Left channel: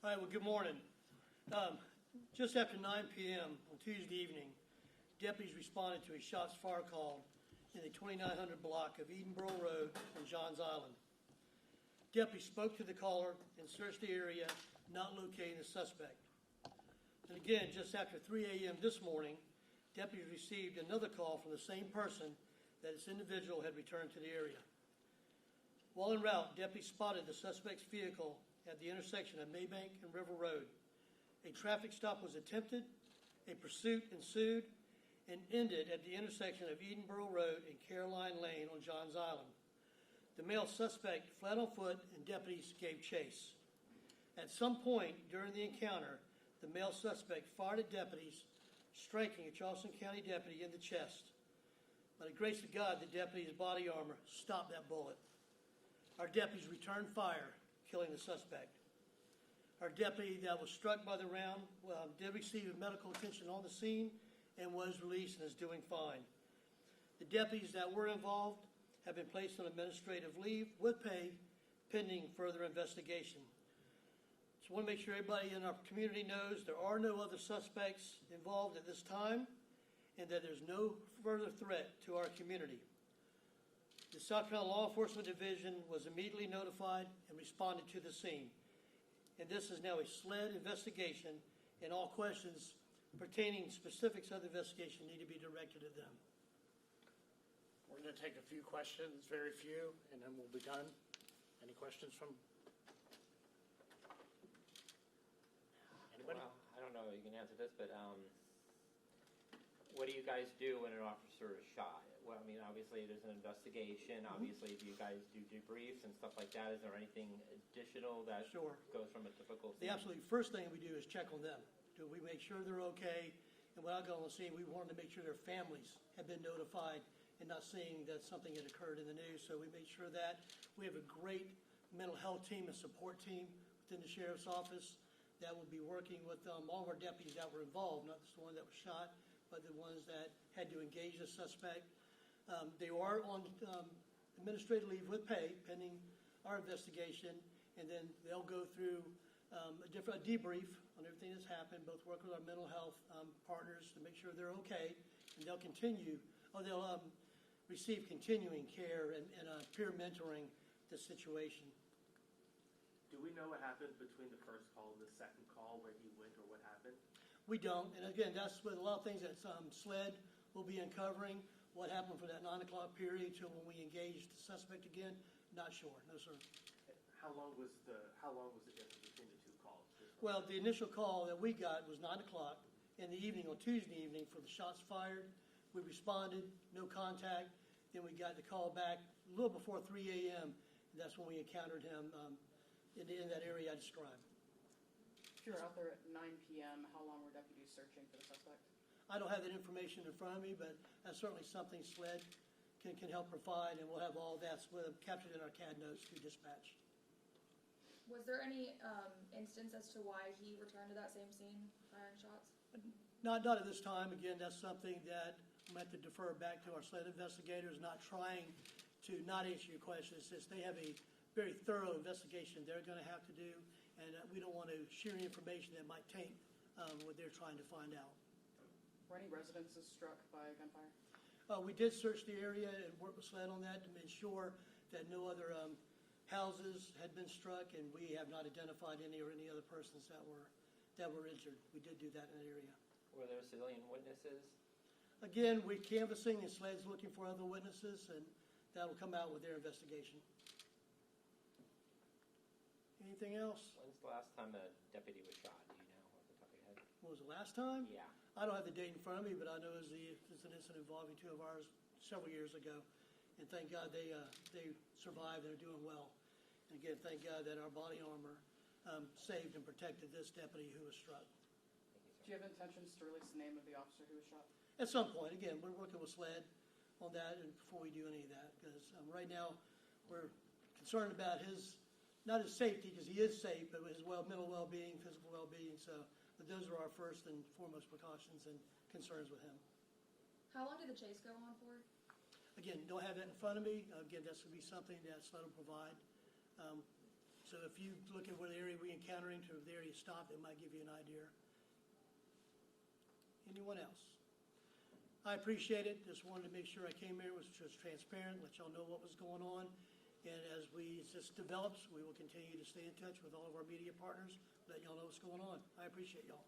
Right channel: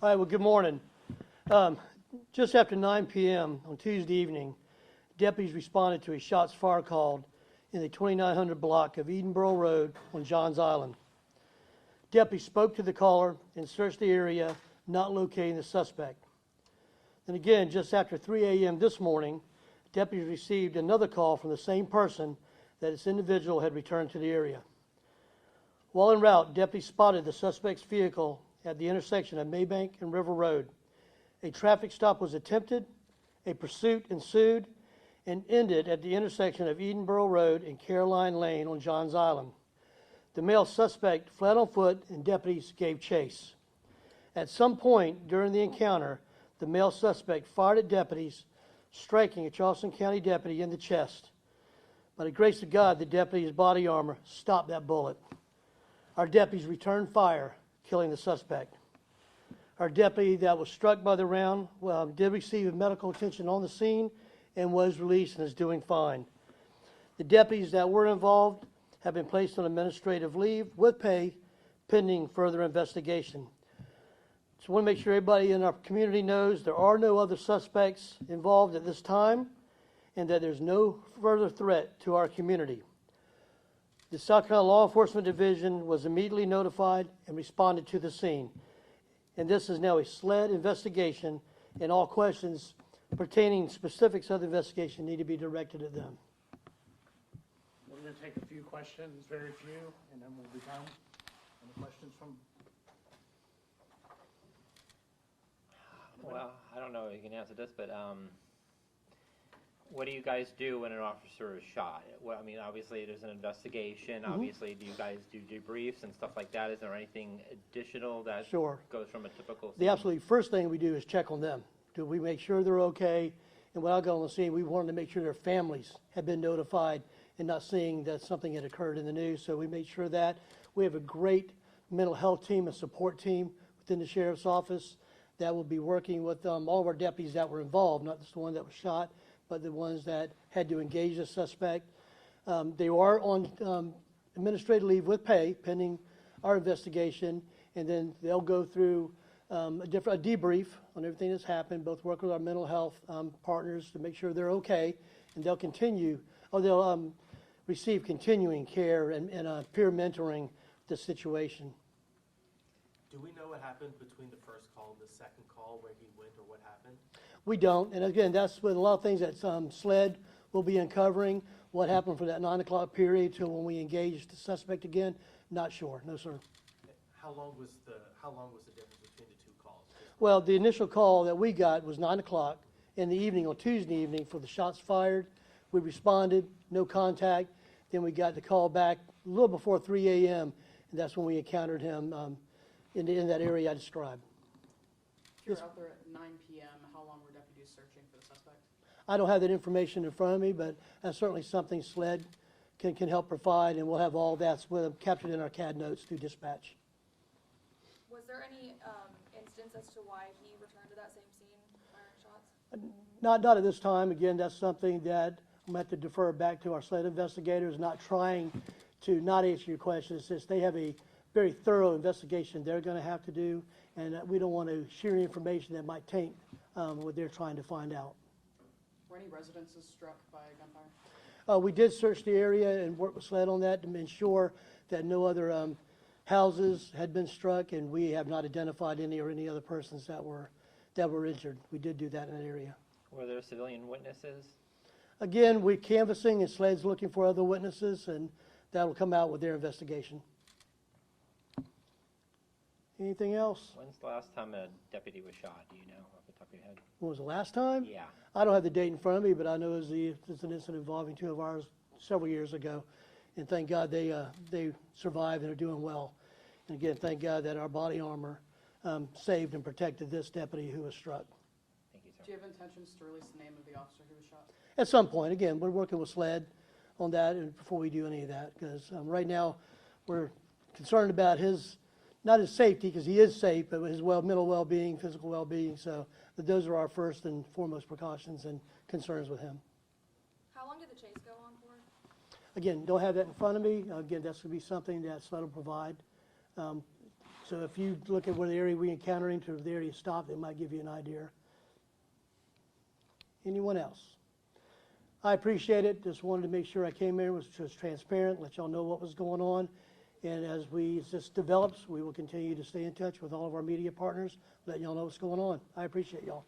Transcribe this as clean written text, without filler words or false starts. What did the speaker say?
All right, well, good morning. Just after 9 p.m. on Tuesday evening, deputies responded to a shots fired call in the 2900 block of Edenboro Road on Johns Island. Deputies spoke to the caller and searched the area, not locating the suspect. Then again, just after 3 a.m. this morning, deputies received another call from the same person that this individual had returned to the area. While en route, deputies spotted the suspect's vehicle at the intersection of Maybank and River Road. A traffic stop was attempted, a pursuit ensued, and ended at the intersection of Edenboro Road and Caroline Lane on Johns Island. The male suspect fled on foot and deputies gave chase. At some point during the encounter, the male suspect fired at deputies, striking a Charleston County deputy in the chest. By the grace of God, the deputy's body armor stopped that bullet. Our deputies returned fire, killing the suspect. Our deputy that was struck by the round did receive medical attention on the scene and was released and is doing fine. The deputies that were involved have been placed on administrative leave with pay pending further investigation. So I want to make sure everybody in our community knows there are no other suspects involved at this time and that there's no further threat to our community. The South Carolina Law Enforcement Division was immediately notified and responded to the scene. And this is now a SLED investigation, and all questions pertaining specifics of the investigation need to be directed at them. We're going to take a few questions, very few, and then we'll be done. Any questions from? Well, I don't know if you can answer this, but what do you guys do when an officer is shot? Well, I mean, obviously there's an investigation. Obviously, do you guys do debriefs and stuff like that? Is there anything additional that goes from a typical scene? The absolutely first thing we do is check on them. Do we make sure they're okay? And when I got on the scene, we wanted to make sure their families had been notified and not seeing that something had occurred in the news. So we made sure that. We have a great mental health team and support team within the sheriff's office that will be working with all of our deputies that were involved, not just the one that was shot, but the ones that had to engage the suspect. They are on administrative leave with pay pending our investigation, and then they'll go through a debrief on everything that's happened, both work with our mental health partners to make sure they're okay, and they'll receive continuing care and peer mentoring the situation. Do we know what happened between the first call and the second call, where he went or what happened? We don't, and again, that's with a lot of things that SLED will be uncovering. What happened for that 9 o'clock period till when we engaged the suspect again, not sure. No, sir. How long was the difference between the two calls? Well, the initial call that we got was 9 o'clock in the evening on Tuesday evening for the shots fired. We responded, no contact. Then we got the call back a little before 3 a.m., and that's when we encountered him in that area I described. If you're out there at 9 p.m., how long were deputies searching for the suspect? I don't have that information in front of me, but that's certainly something SLED can help provide, and we'll have all that captured in our CAD notes through dispatch. Was there any instance as to why he returned to that same scene firing shots? Not at this time. Again, that's something that I'm going to have to defer back to our SLED investigators, not trying to not answer your question. It's just they have a very thorough investigation they're going to have to do, and we don't want to share information that might taint what they're trying to find out. Were any residences struck by gunfire? We did search the area and work with SLED on that to ensure that no other houses had been struck, and we have not identified any other persons that were injured. We did do that in that area. Were there civilian witnesses? Again, we're canvassing, and SLED's looking for other witnesses, and that will come out with their investigation. Anything else? When's the last time a deputy was shot? Do you know off the top of your head? When was the last time? Yeah. I don't have the date in front of me, but I know it's an incident involving two of ours several years ago. And thank God they survived and are doing well. And again, thank God that our body armor saved and protected this deputy who was struck. Thank you, sir. Do you have intentions to release the name of the officer who was shot? At some point. Again, we're working with SLED on that and before we do any of that, because right now we're concerned about not his safety, because he is safe, but his mental well-being, physical well-being. So those are our first and foremost precautions and concerns with him. How long did the chase go on for? Again, don't have that in front of me. Again, that's going to be something that SLED will provide. So if you look at where the area we encounter into the area stopped, it might give you an idea. Anyone else? I appreciate it. Just wanted to make sure I came here, was just transparent, let y'all know what was going on. And as this develops, we will continue to stay in touch with all of our media partners, letting y'all know what's going on. I appreciate y'all.